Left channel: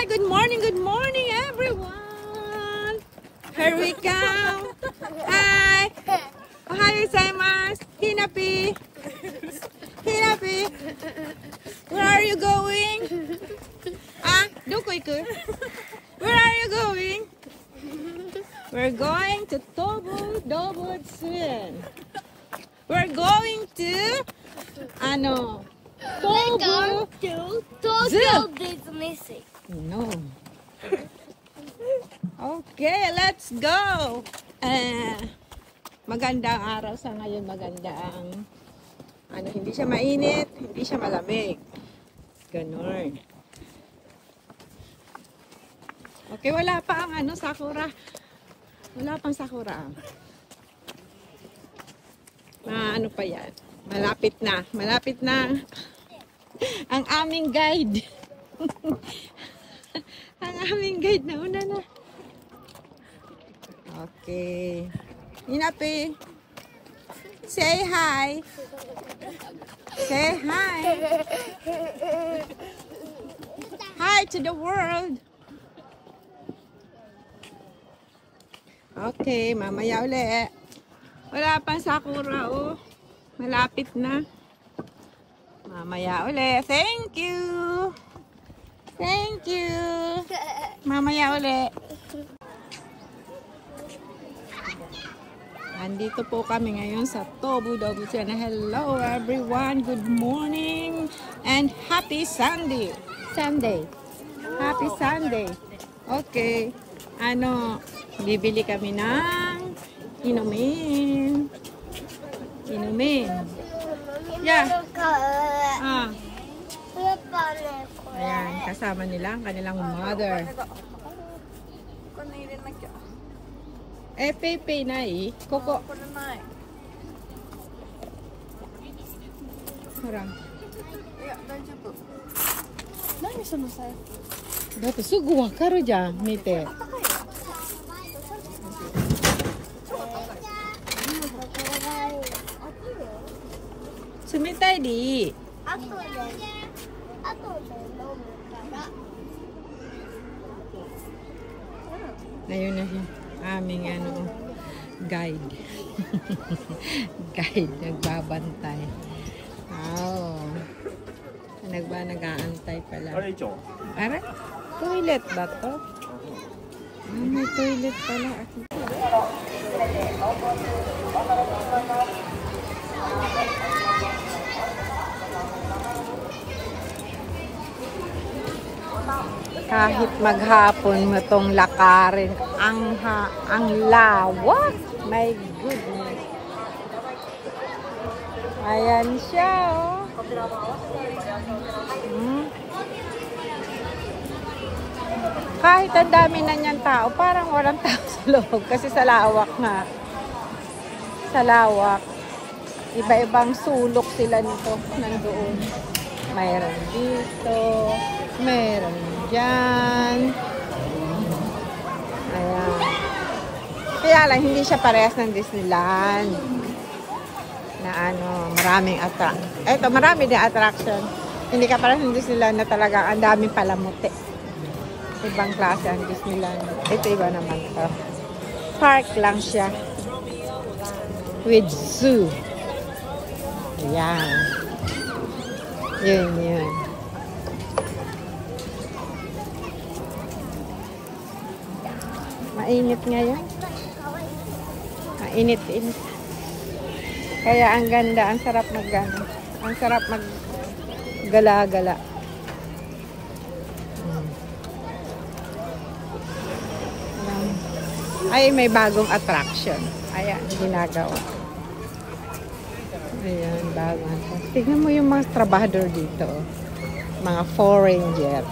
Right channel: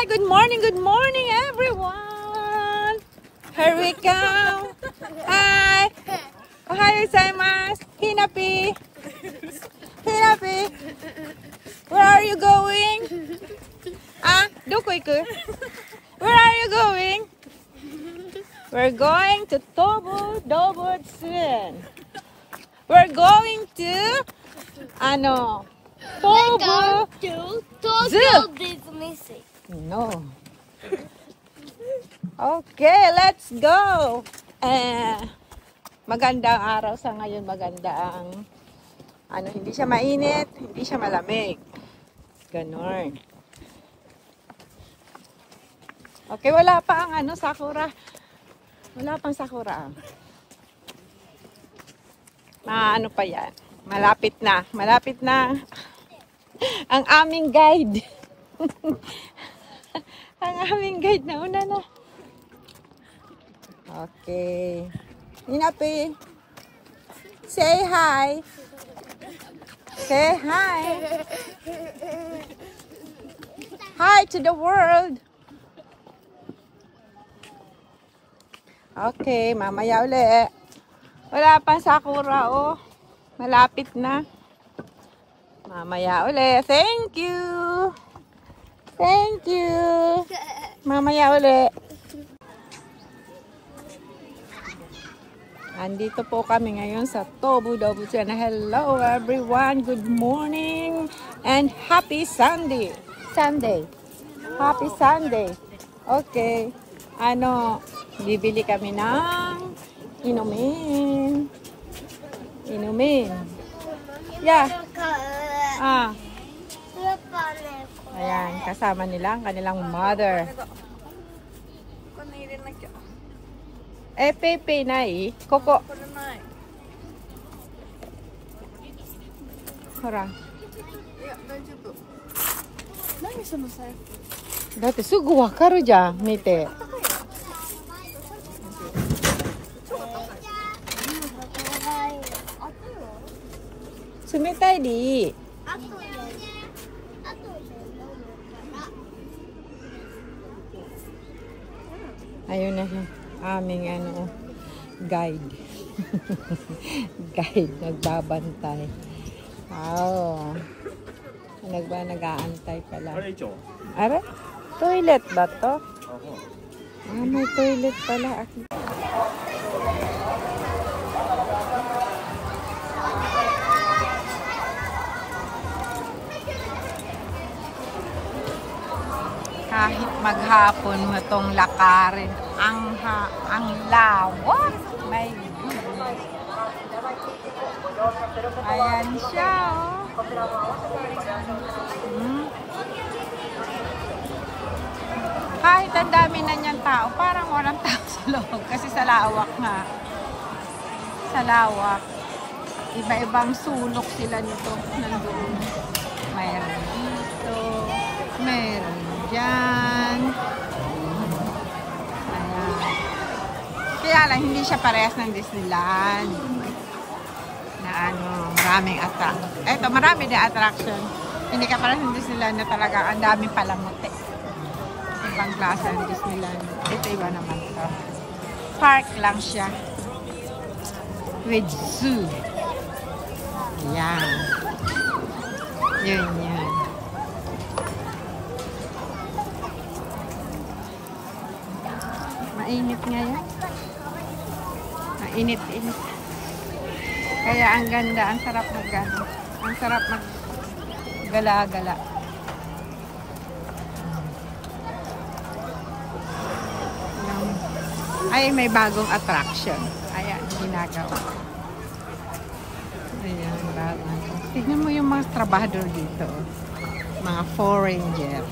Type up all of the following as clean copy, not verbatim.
Hi, good morning, everyone. Here we come. Hi. Ohayo gozaimasu. Hinapi. Hinapi. Where are you going? Doko iku? Where are you going? We're going to Tobu Dobutsuren. We're going to Tobu Zoo. Disney. No. Okay, let's go. Magandang araw sa ngayon, magandang hindi siya mainit, hindi siya malamig. Ganon. Okay, wala pa ang sakura. Wala pang sakura. Ano pa yan? Malapit na. Malapit na ang aming guide. Ang aming guide na una na. Okay. Hinapi. Say hi. Say hi. Hi to the world. Okay, mamaya uli. Wala pang sakura, oh. Malapit na. Mamaya uli. Thank you. Thank you. Mamaya uli. Andito po kami ngayon sa Tobu Dobutsuren. Hello everyone. Good morning and happy Sunday. Happy Sunday. Okay. Bibili kami ng inumin. Yeah. Ayan, kasama nila ang kanilang mother. Pepe nai. Koko. Hora. Nani sono sai? Datte sugu wakaru jan, mite. Sumitai di. Ayun na aming guide. Guide nagbabantay. Oh. Nag-aantay pala. Are? Toilet ba to? May toilet pala. Kahit maghapon mo itong lakarin, ang lawak. My goodness. Ayan siya, oh. Kahit ang dami na niyang tao, parang walang tao sa loob. Kasi sa lawak na. Sa lawak. Iba-ibang sulok sila nito. Nandoon. Mayroon dito. Mayroon dyan. Ayan. Kaya lang, hindi siya parehas ng Disneyland. Na maraming attraction. Eto, marami din attraction. Hindi ka parehas ng Disneyland na talaga ang daming palamuti. Ibang klase ang Disneyland. Ito iba naman ito. Park lang siya. With zoo. Ayan. Yun. Mainit ngayon. Mainit. Kaya ang ganda, ang sarap maggala-gala. Ay, may bagong attraction. Ayan, ginagawa. Ayan, bagong. Tignan mo yung mga trabahador dito. Mga foreigner.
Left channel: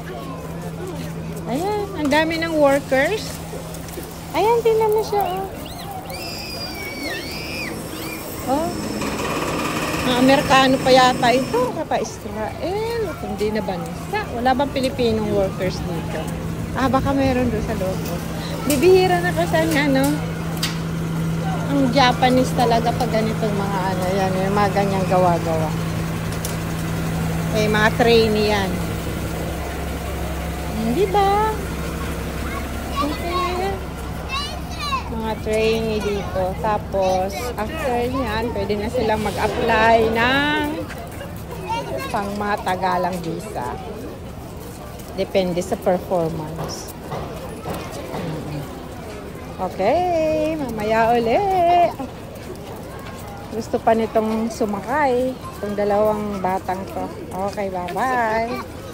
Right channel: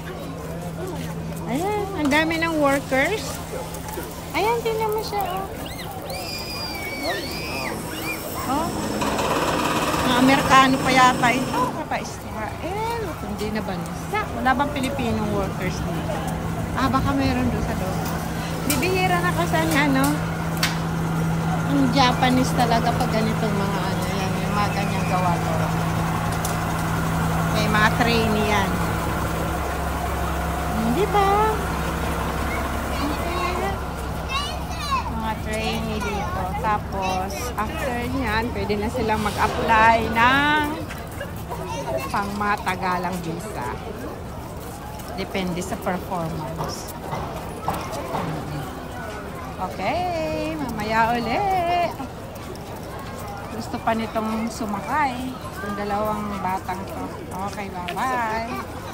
Ayan, ang dami ng workers. Ayan, tingnan mo siya. Mga Amerikano pa yata ito. Kaka-Israel. Hindi na bansa. Wala bang Filipino workers dito? Baka mayroon doon sa loob. Bibihira na ko sa ang Japanese talaga pag ganitong mga yan, yung mga ganyang gawa-gawa. May mga trainee yan. Di ba? Mga trainee dito. Tapos, after yan, pwede na silang mag-apply ng pang matagalang visa. Depende sa performance. Okay, mamaya ulit. Gusto pa nitong sumakay. Itong dalawang batang to. Okay, bye-bye.